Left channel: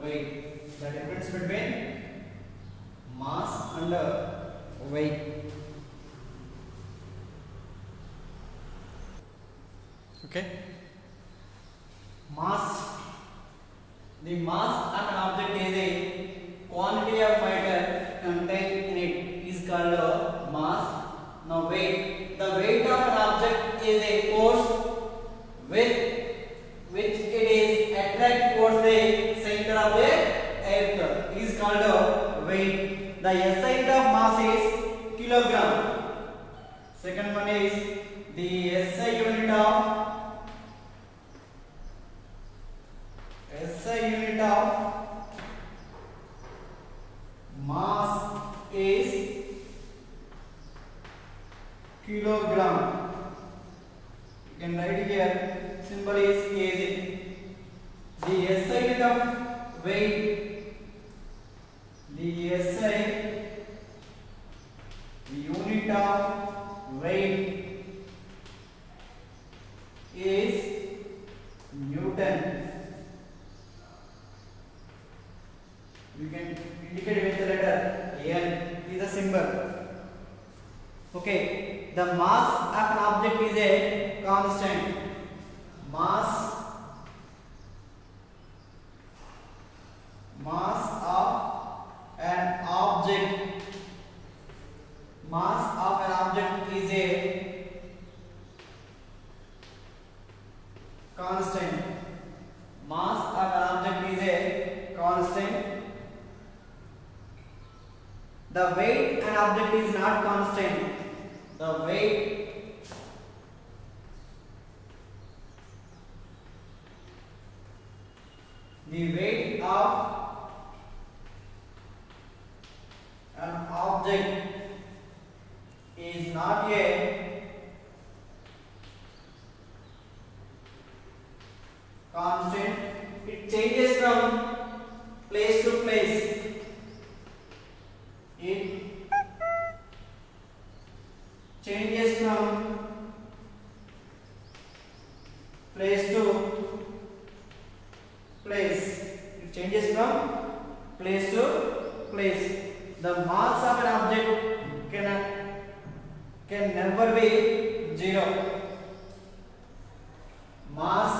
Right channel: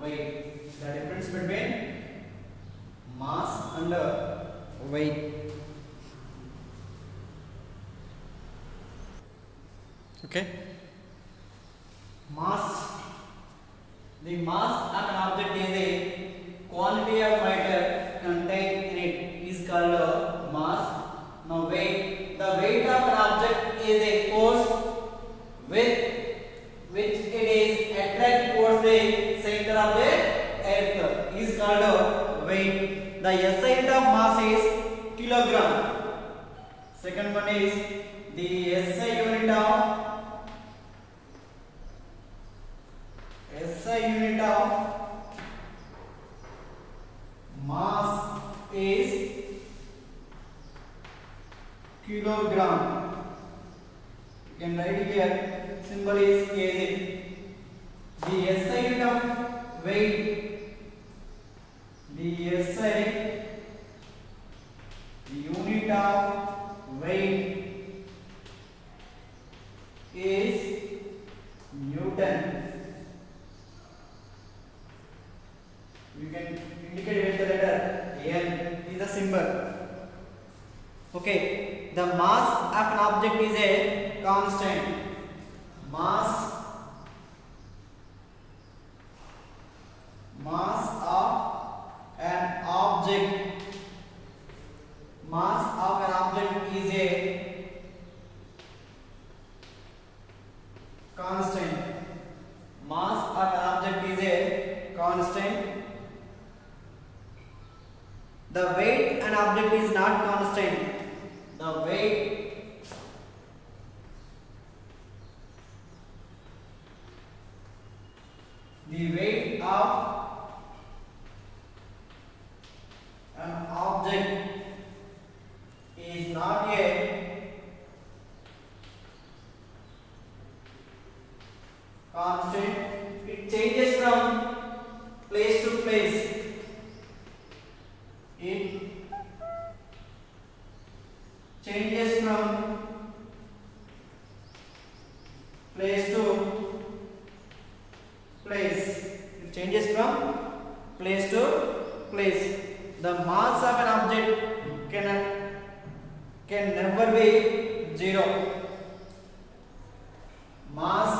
weight. The difference between mass and weight. Okay. Mass. The mass of an object is a quantity of matter contained in it is called mass. Now weight. The weight of an object is a force with which it is attracted towards the center of the earth is called weight. The SI unit of mass is kilogram. Second one is the SI unit of mass is kilogram. You can write here, symbol is kg. The SI unit of weight, the SI unit of weight is Newton. You can indicate with the letter N is a symbol. Okay, the mass of an object is a constant. Mass of an object. Mass of an object is a constant. Mass of an object is a constant. The weight an object is not constant. The weight of an object is not a constant. It changes from place to place. It changes from place to place. It changes from place to place. The mass of an object can never be zero. Mass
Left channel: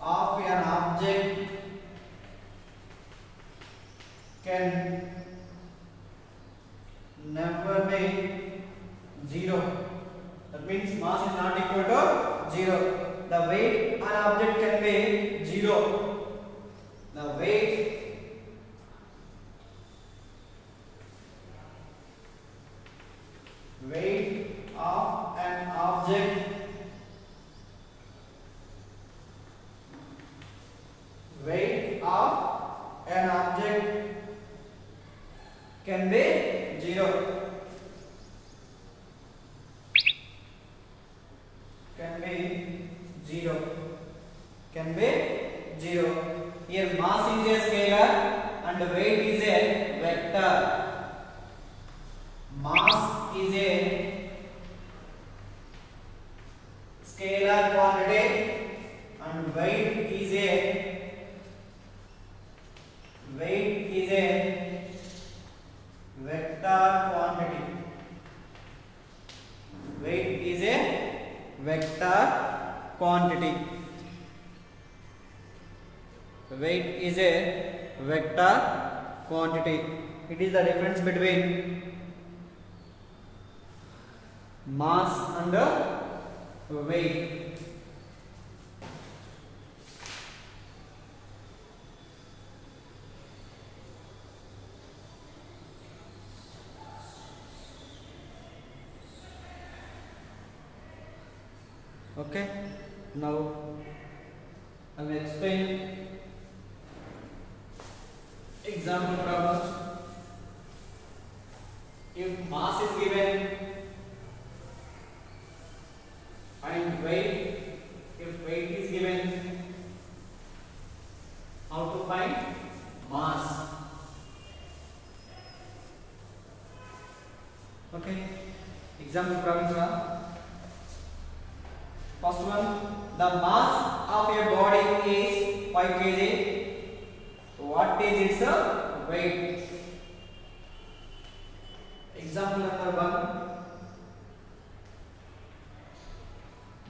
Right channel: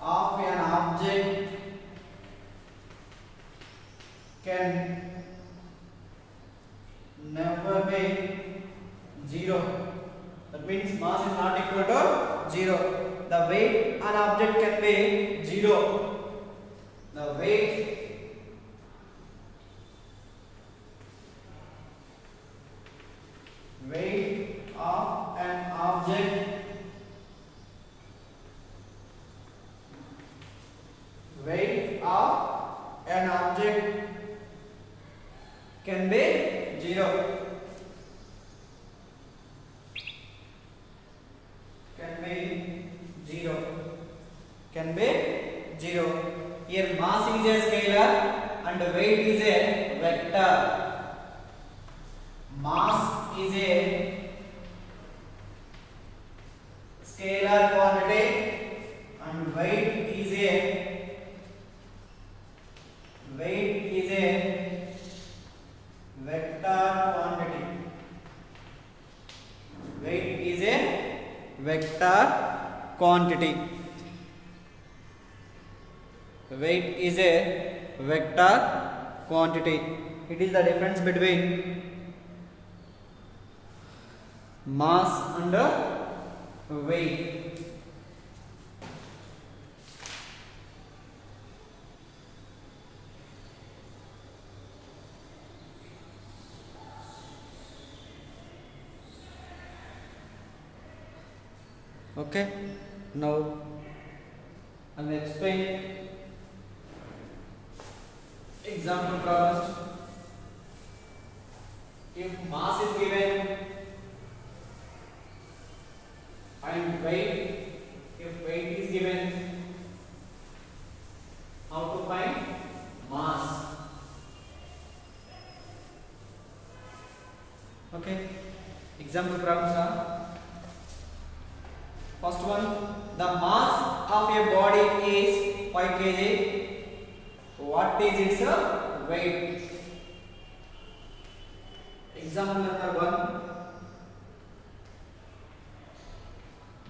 of an object can never be zero. That means mass is not equal to zero. The weight an object can be zero. The weight of an object can be zero. Can be zero. Here mass is a scalar and weight is a vector. Mass is a scalar quantity and weight is a vector quantity. Weight is a vector quantity. Weight is a vector quantity. It is the difference between mass and weight. Okay, now I will explain example problems. If mass is given and weight, if weight is given, how to find mass? Okay, example problems are: first one, the mass of a body is 5 kg. weight. Example number 1.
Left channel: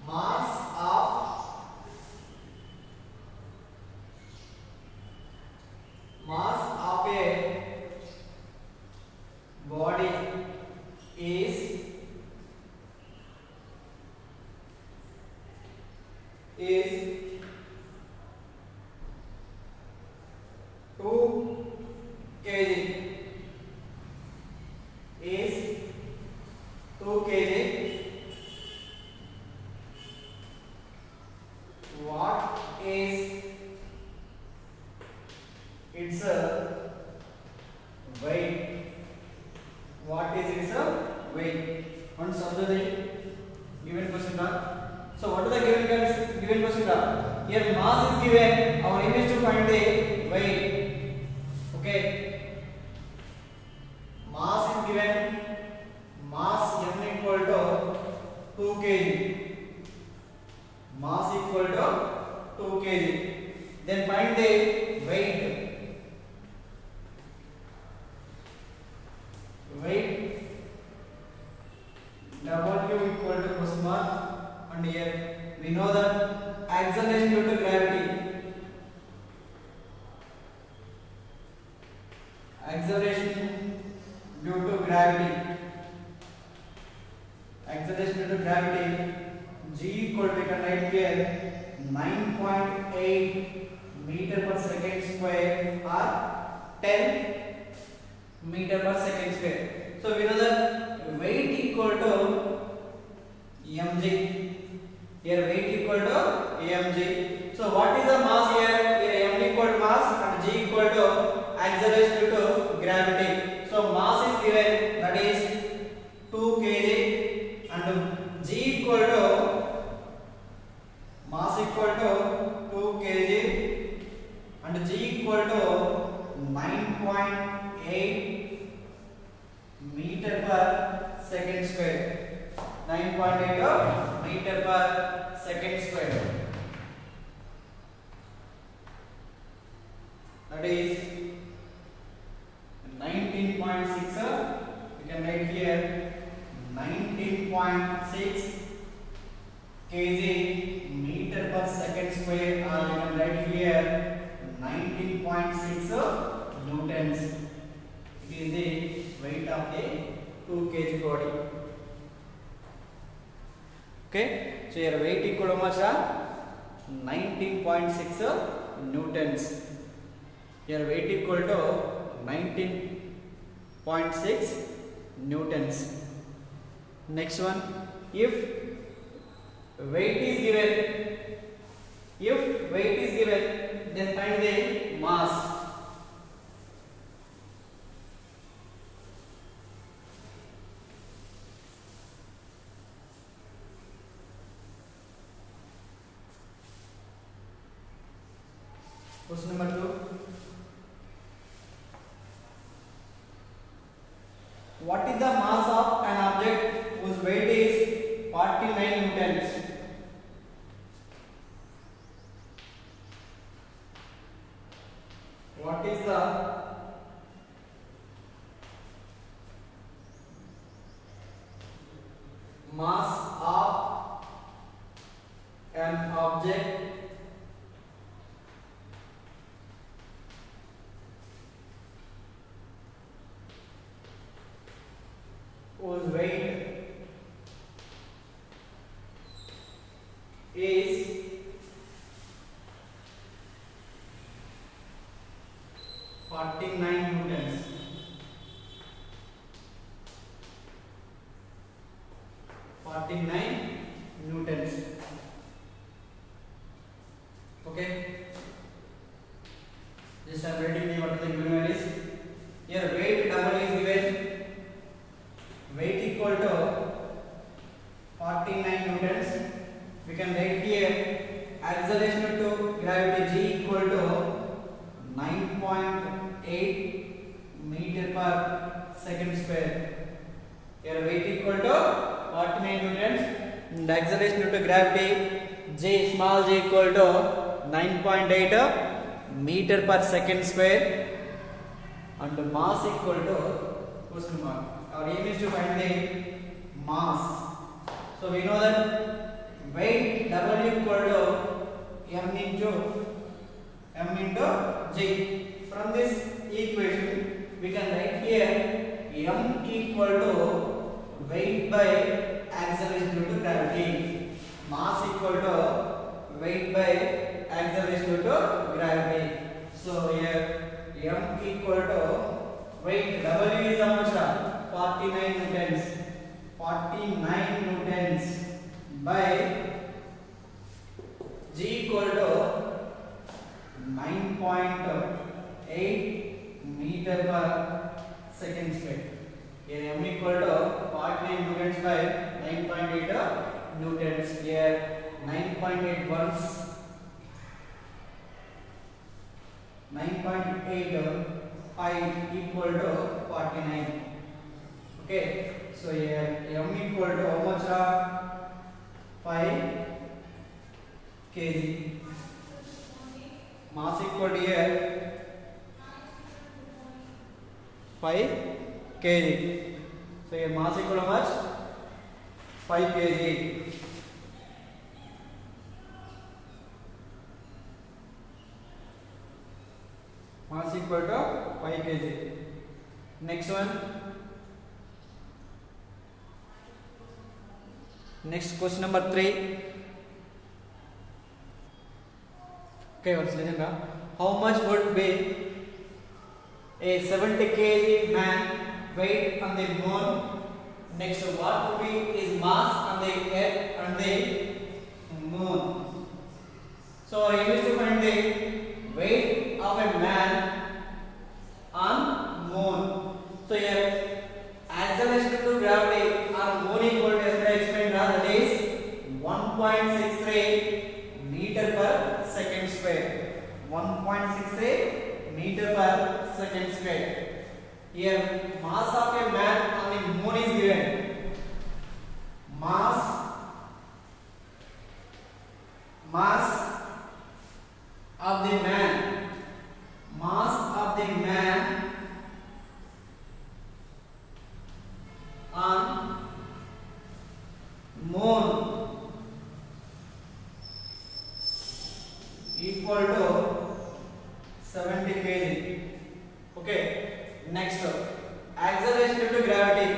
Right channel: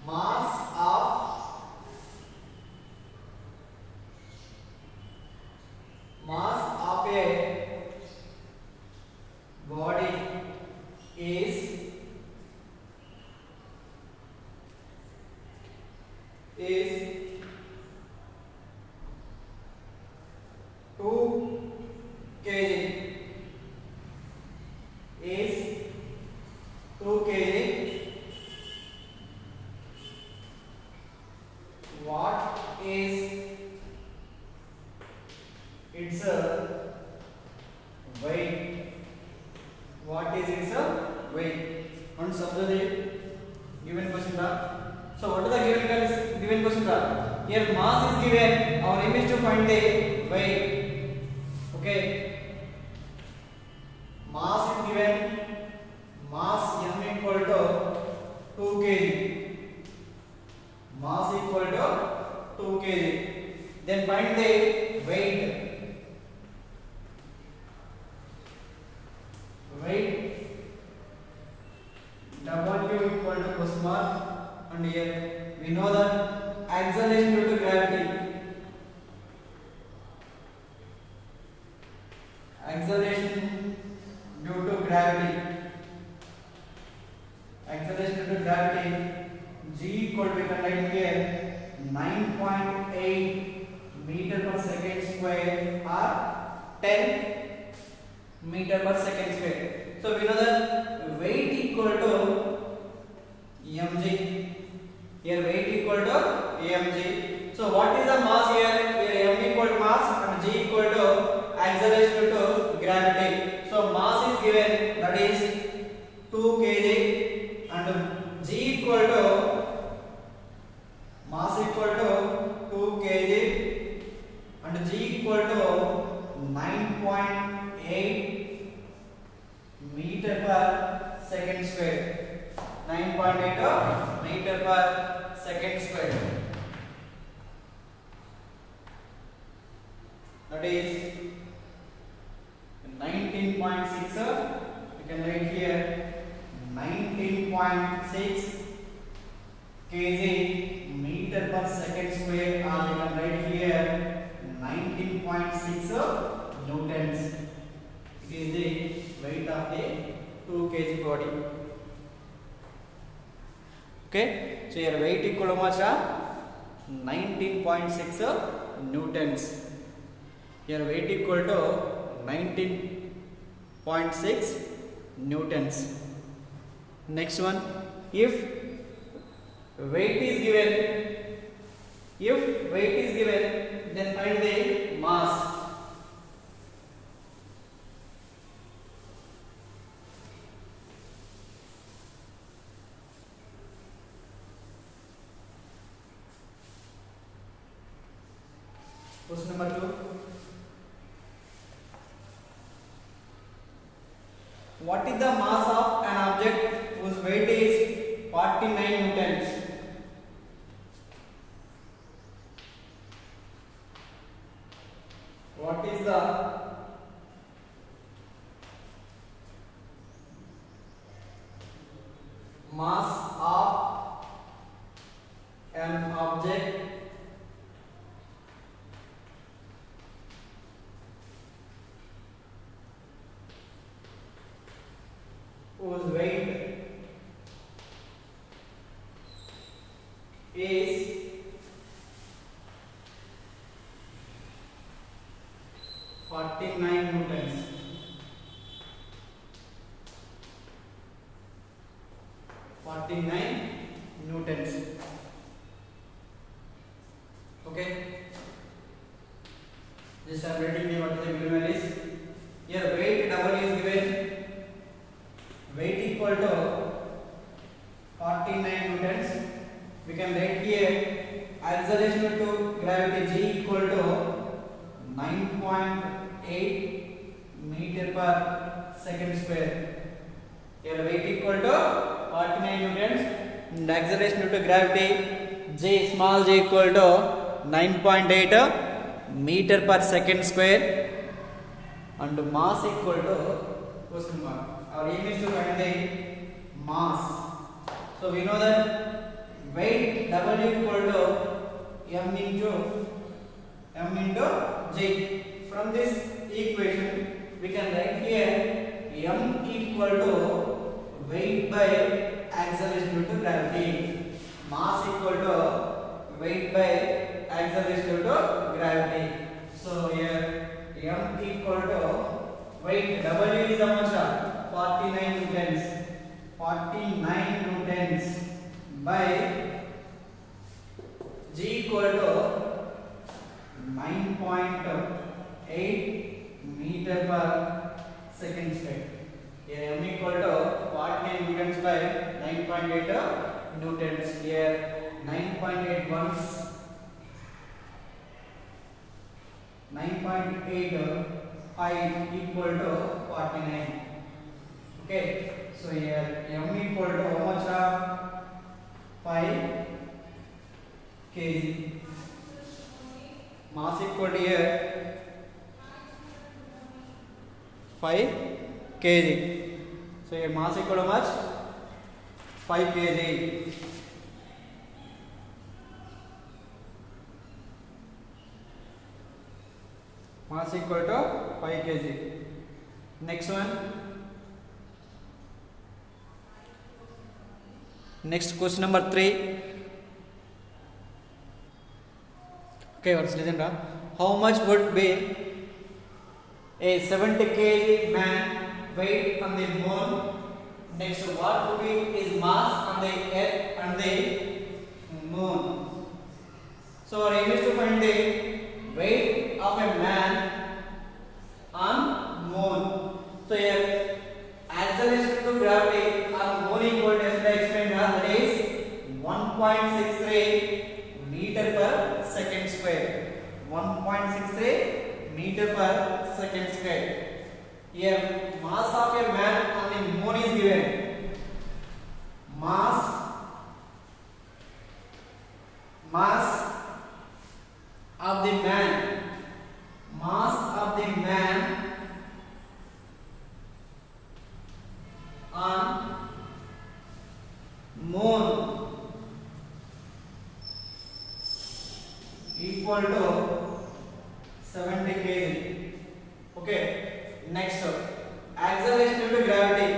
Mass of a body is 2 kg. Is 2 kg. What is its weight? What is its weight? One subject given question. So what is the given question? Here mass is given. Our aim is to find the weight. Okay. Mass is given. Mass m equal to 2 kg. Mass equal to 2 kg. Then find the weight. Weight W equal to question mark, and here we know that acceleration due to gravity. Acceleration due to gravity. Acceleration due to gravity. G equal to, we can write here 9.8 meter per second square or 10 meter per second square. So we know that weight equal to mg. Here weight equal to mg. So what is the mass here? Here m equal to mass and g equal to acceleration due to gravity. So mass is given, that is 2 kg, and g equal to mass equal to 2 kg and g equal to 9.8 meter per second square. 9.8 meter per second square. That is 19.6. We can write here 19.6 kg meter per second square, or we can write here 19.6 newtons. It is the weight of the 2 kg body. Okay, so your weight equal to much 19.6 newtons. Your weight equal to 19.6 newtons. Next one, if weight is given, then find the mass. Question number 2. What is the mass of an object whose weight is 49 newtons? What is the mass of an object whose weight is 49 newtons? Okay, this I am writing what the given value is. Here weight double is given. Weight equal to 49 newtons. We can write here acceleration due to gravity G equal to 9.8 meter per second square. Here weight equal to 49 newtons and acceleration due to gravity J, small j equal to 9.8 meter per second square. and mass equal to question mark. Our aim is to find the mass. So we know that weight W equal to m into g. From this equation we can write here m equal to weight by acceleration due to gravity. Mass equal to weight by acceleration due to gravity. So here m equal to weight W is how much? 49 newtons. 49 newtons by g equal to 9.8 meter per second square. Here m equal to 49 newtons by 9.8 newtons. Here 9.8 once 9.8 height equal to 49. Okay, so here m equal to how much? 5 kg. Mass equal to here 5 kg. So here mass equal to how much? 5 kg. Mass equal to 5 kg. Next one. Next question number 3. Okay, let's listen now. How much would be a 70 kg man weight on the moon? Next, what would be his mass on the earth and the moon? So, I used to find the weight of a man on moon. So, here acceleration to gravity on moon equal to, as I explained, that is 1.63 meter per second square. 1.63 meter per second square. Here mass of a man on the moon is given. Mass of the man. Mass of the man on moon equal to 70 kg. Okay, next acceleration due to gravity.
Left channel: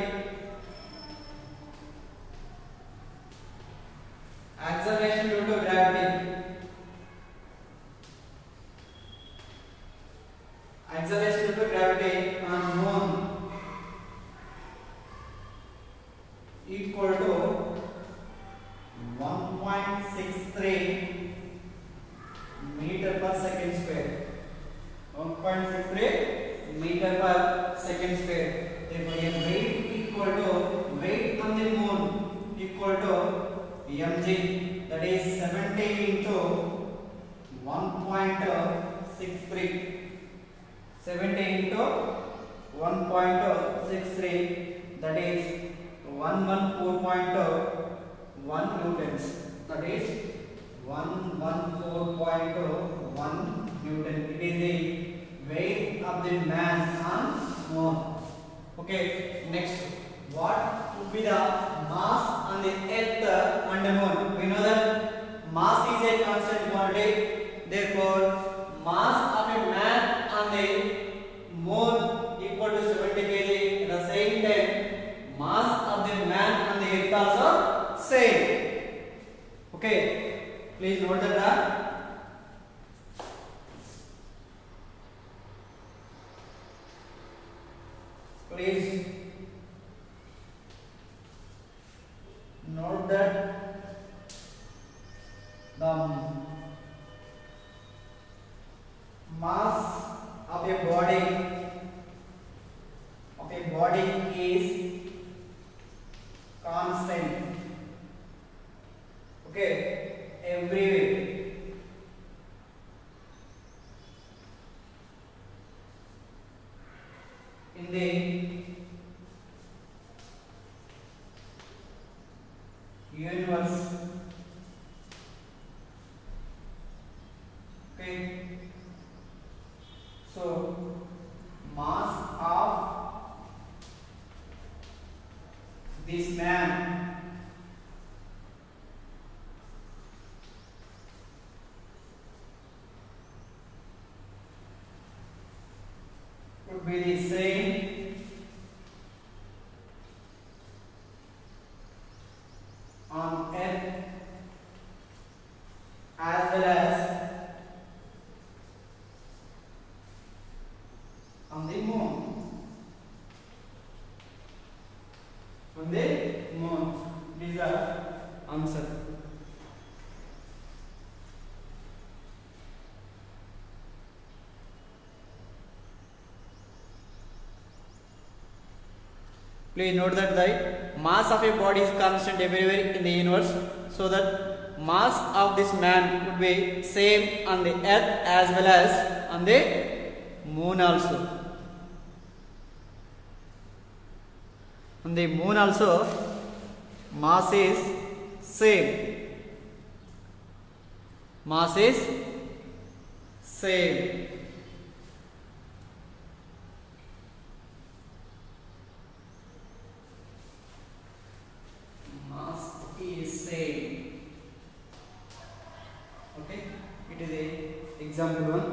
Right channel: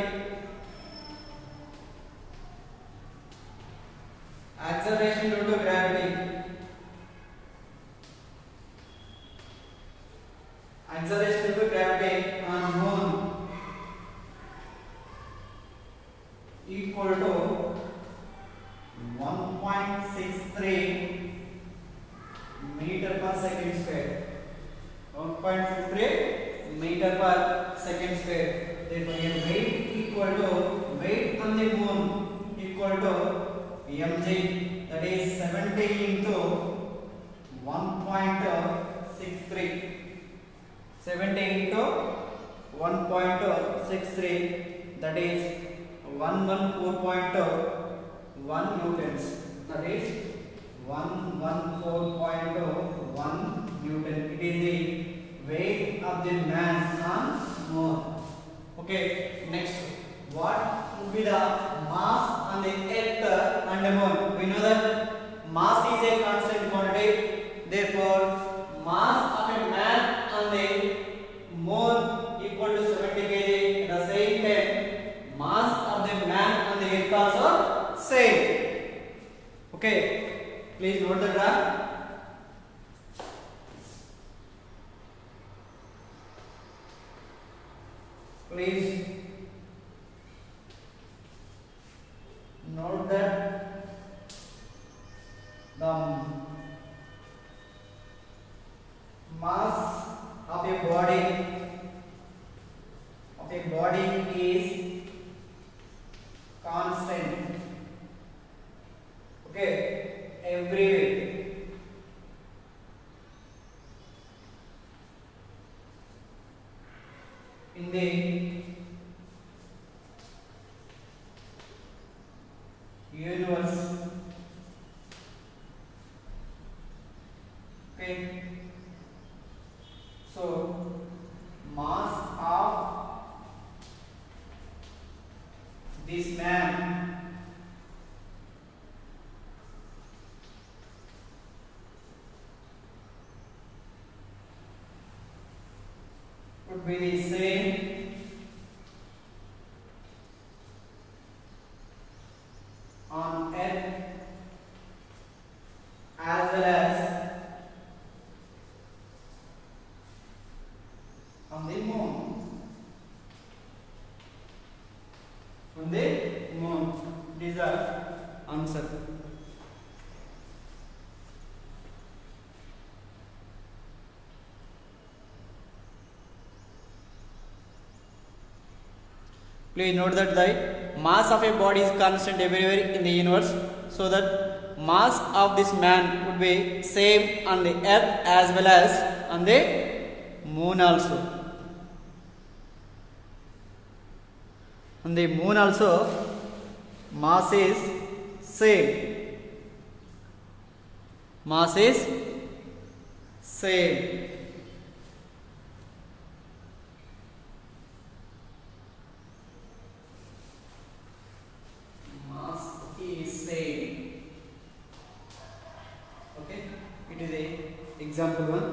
Acceleration due to gravity. Acceleration due to gravity on moon equal to 1.63 meter per second square. 1.63 meter per second square. Therefore, weight equal to weight on the moon equal to mg, that is 70 into 1.63. 70 into 1.63, that is 114.1 newtons. That is 114.1 Newton. It is the weight of the man on moon. Okay, next, what would be the mass on the earth and the moon? We know that mass is a constant quantity. Therefore, mass of a man on the moon equal to 70 kg. At the same time, mass of the man on the earth also same. Okay, please note that. Please note that the mass of a body is constant. Okay, everywhere. In the universe. Okay, so mass would be the same on Earth as well as on the moon. On the moon. This is the answer. Please note that the mass of a body is constant everywhere in the universe, so that mass of this man would be same on the Earth as well as on the moon also. On the moon also, mass is same. Mass is same. Mass is same. Okay, it is a example one.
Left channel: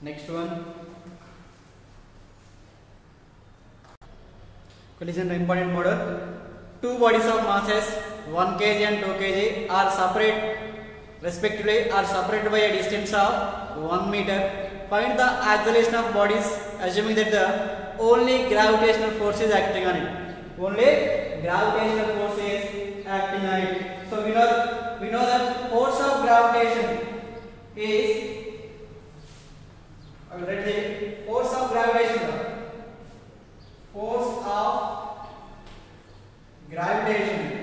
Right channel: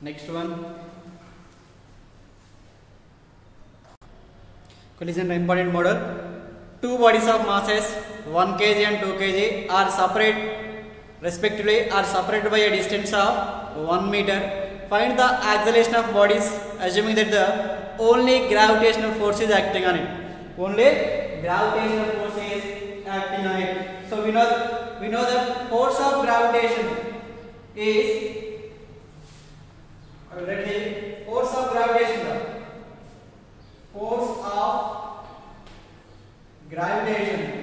Next one. Collision important model. Two bodies of masses 1 kg and 2 kg are separated by a distance of 1 meter. Find the acceleration of bodies assuming that the only gravitational force is acting on it. Only gravitational force is acting on it. So we know that force of gravitation is force of gravitation. Force of gravitation.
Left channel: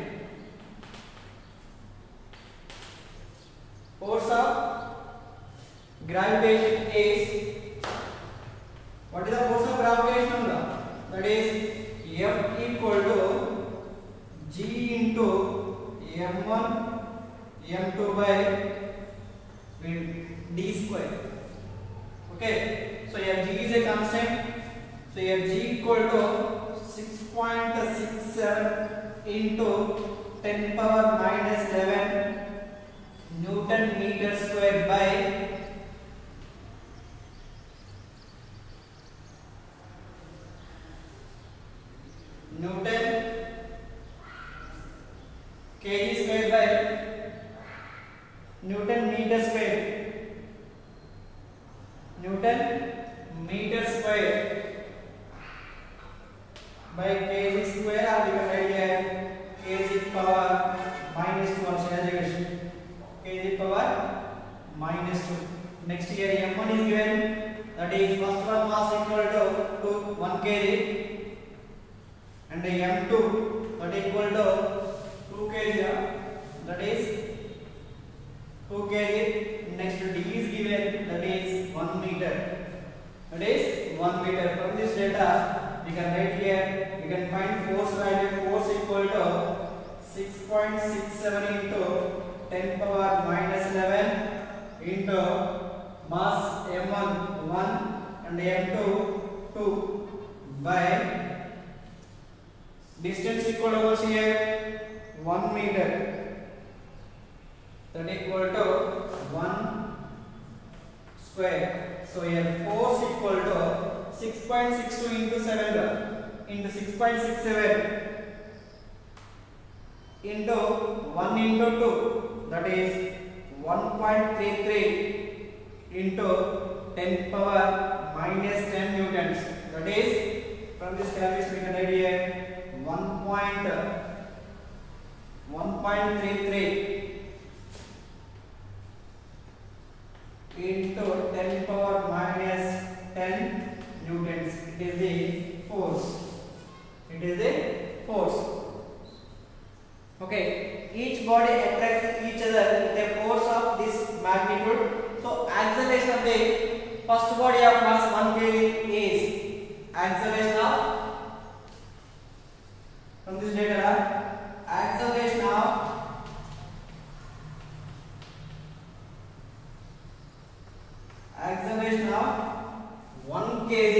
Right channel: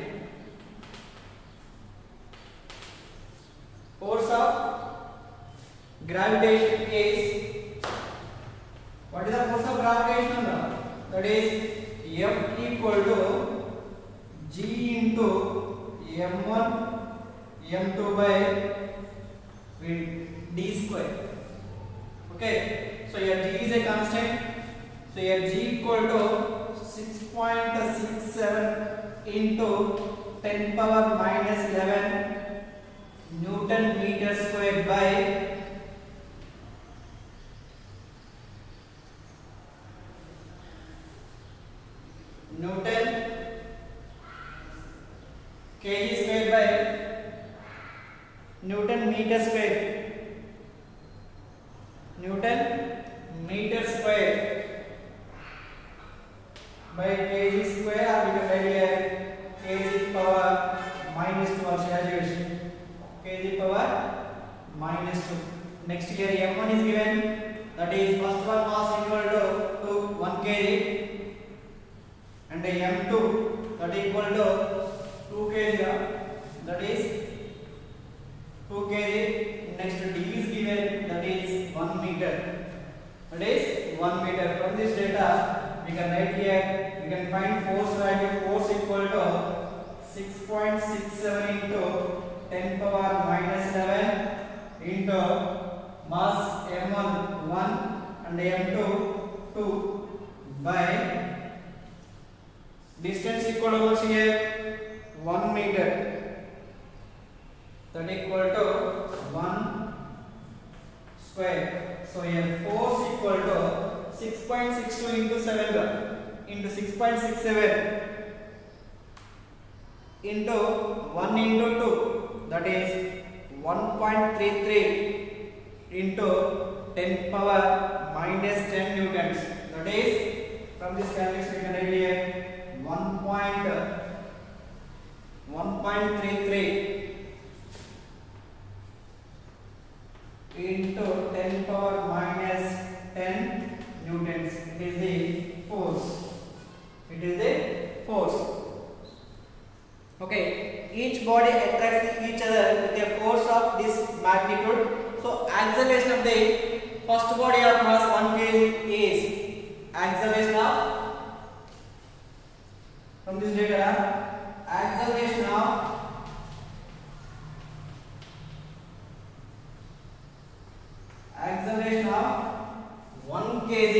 Force of gravitation is, what is the force of gravitation? That is F equal to G into M1 M2 by d square. Okay, so here G is a constant. So here G equal to 6.67 into 10 power minus 11 Newton meter square by Newton kg square by Newton meter square. Newton meter square by kg square, or we can write here kg power minus 2 also as you wish. Kg power minus 2. Next here M1 is given, that is first one mass equal to 1 kg and M2 that is equal to 2 kg, that is 2 kg. Next D is given, that is 1 meter. That is 1 meter. From this data we can write here, we can find force value. Force equal to 6.67 into 10 power minus 11 into mass M1 1 and M2 2 by distance equal to here 1 meter, that equal to 1 square. So here force equal to 6.62 into 7 into 6.67 into 1 into 2, that is 1.33 into 10 power minus 10 newtons. That is, from this calculation we can write here 1.33 into 10 power minus 10 newtons. It is the force. It is the force. Okay, each body attracts each other with a force of this magnitude. So acceleration of the first body of mass 1 kg is acceleration of, from this data, acceleration of 1 kg.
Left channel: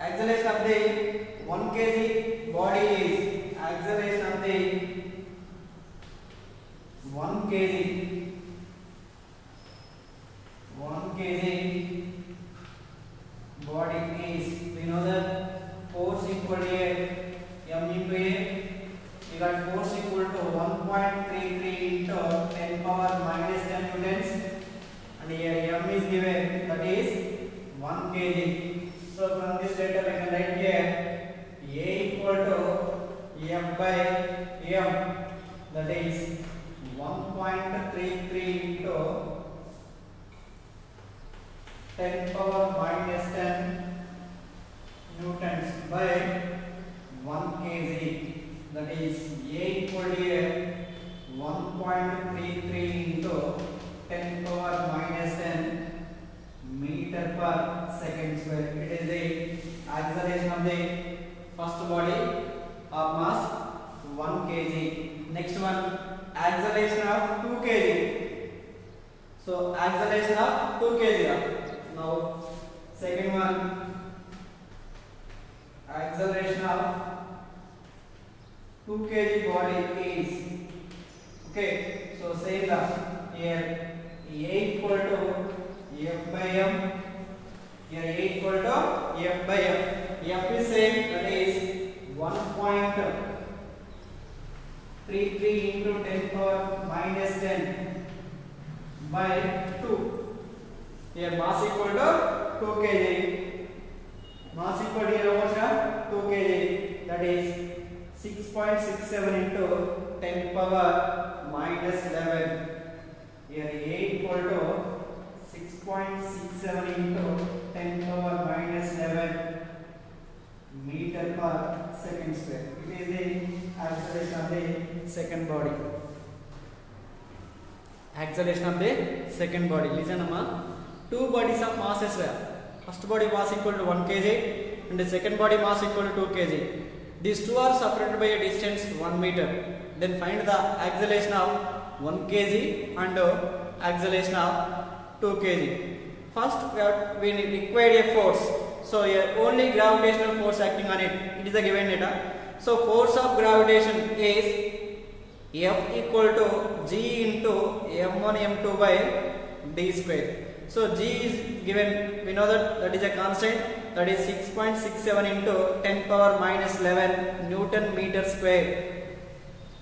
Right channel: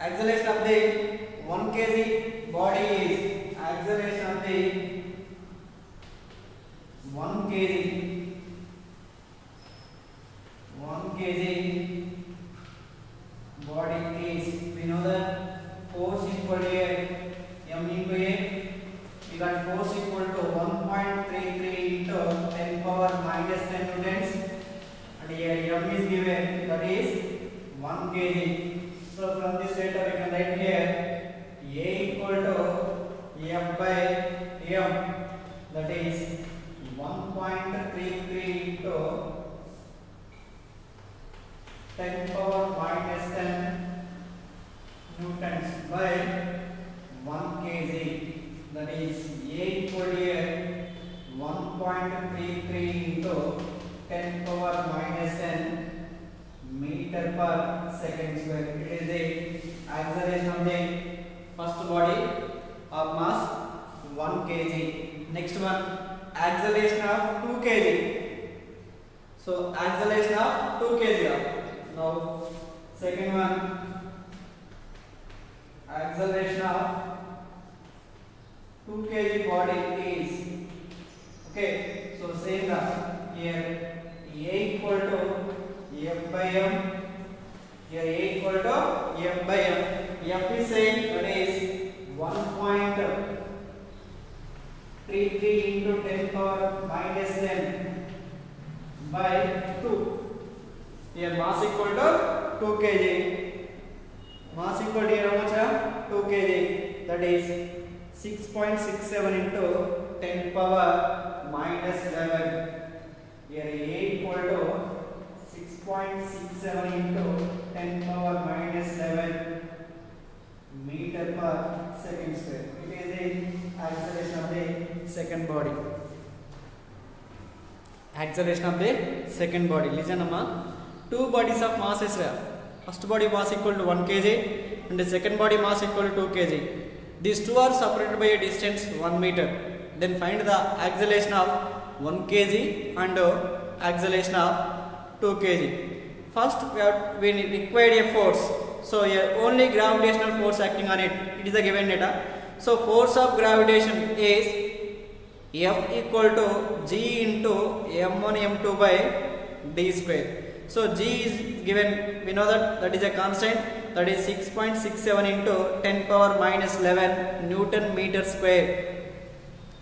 Acceleration of the 1 kg body is acceleration of the 1 kg into 10 power minus 10 newtons, and here m is given, that is 1 kg. So from this data we can write here A equal to F by m, that is 1.33 into 10 power minus 10 newtons by 1 kg, that is A equal to 1.33 into 10 power minus 10 meter per second square. It is the acceleration of the first body of mass 1 kg. Next one, acceleration of 2 kg. So acceleration of 2 kg. Now second one, acceleration of 2 kg body is, okay, so same here A equal to F by m, here A equal to F by m. F is same, that is 1.33 into 10 power minus 10 by 2. Here mass equal to 2 kg. Mass equal to here how much? 2 kg. That is 6.67 into 10 power minus 11. Here A equal to 6.67 into 10 power minus 11 meter per second square. It is the acceleration of the second body. Acceleration of the second body. Listen, Amma. Two bodies of mass is there. First body mass equal to 1 kg and the second body mass equal to 2 kg. These two are separated by a distance 1 meter. Then find the acceleration of 1 kg and acceleration of 2 kg. First we require a force. So here only gravitational force acting on it. It is a given data. So force of gravitation is F equal to G into m1 m2 by d square. So G is given, we know that is a constant, that is 6.67 into 10 power minus 11 Newton meter square,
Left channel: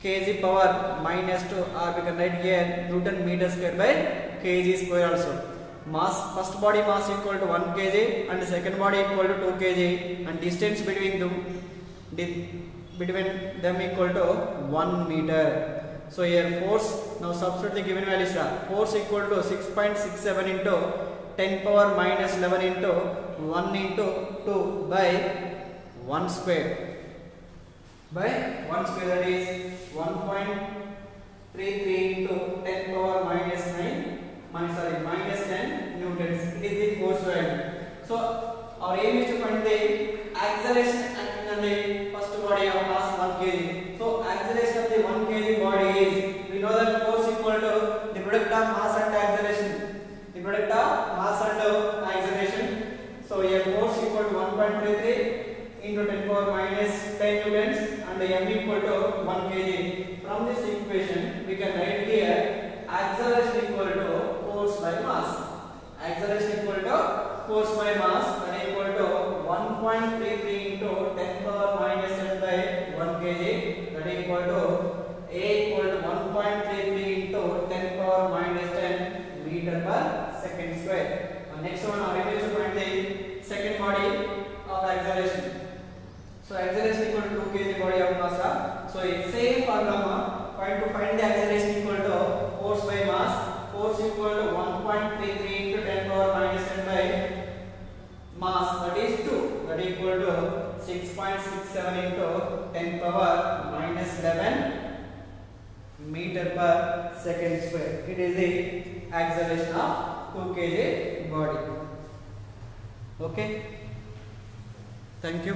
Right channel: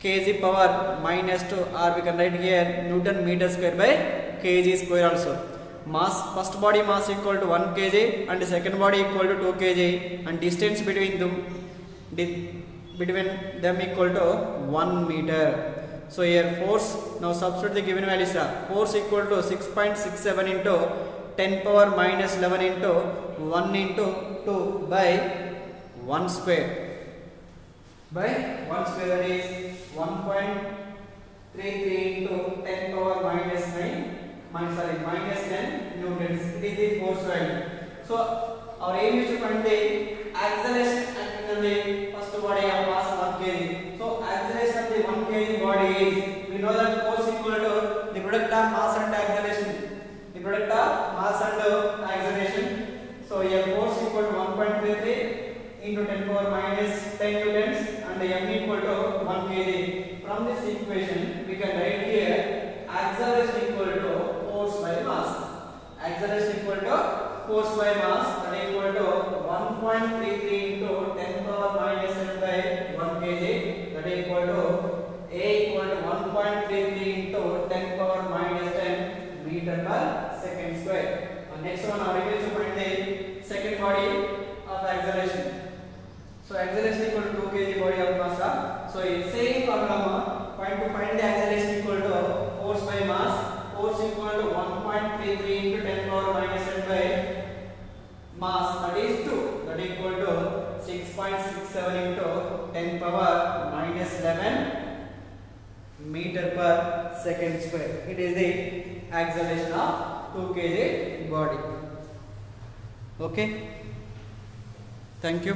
kg power minus 2, or we can write here Newton meter square by kg square also. Mass, first body mass equal to 1 kg and second body equal to 2 kg, and distance between them equal to 1 meter. So here force, now substitute the given values. Force equal to 6.67 into 10 power minus 11 into 1 into 2 by 1 square. By 1 square, that is 1.33 into 10 power minus 10 newtons. It is the force value. So our aim is to find the acceleration acting on the first body of mass 1 kg. So acceleration of the 1 kg body is, we know that force equal to the product of mass and acceleration. The product of mass and acceleration. So here force equal to 1.33 into 10 power minus 10 newtons and m equal to 1 kg. From this equation we can write here acceleration equal to force by mass. Acceleration equal to force by mass, that is equal to 1.33 into 10 power minus 10 by 1 kg, that is equal to A equal to 1.33 into 10 power minus 10 meter per second square. Next one, our aim is to find the second body of acceleration. So acceleration equal to 2 kg body of mass. So it's same formula. Find the acceleration equal to force by mass. Force equal to 1.33 into 10 power minus 10 by mass, that is 2, that is equal to 6.67 into 10 power minus 11 meter per second square. It is the acceleration of 2 kg body. Okay, thank you.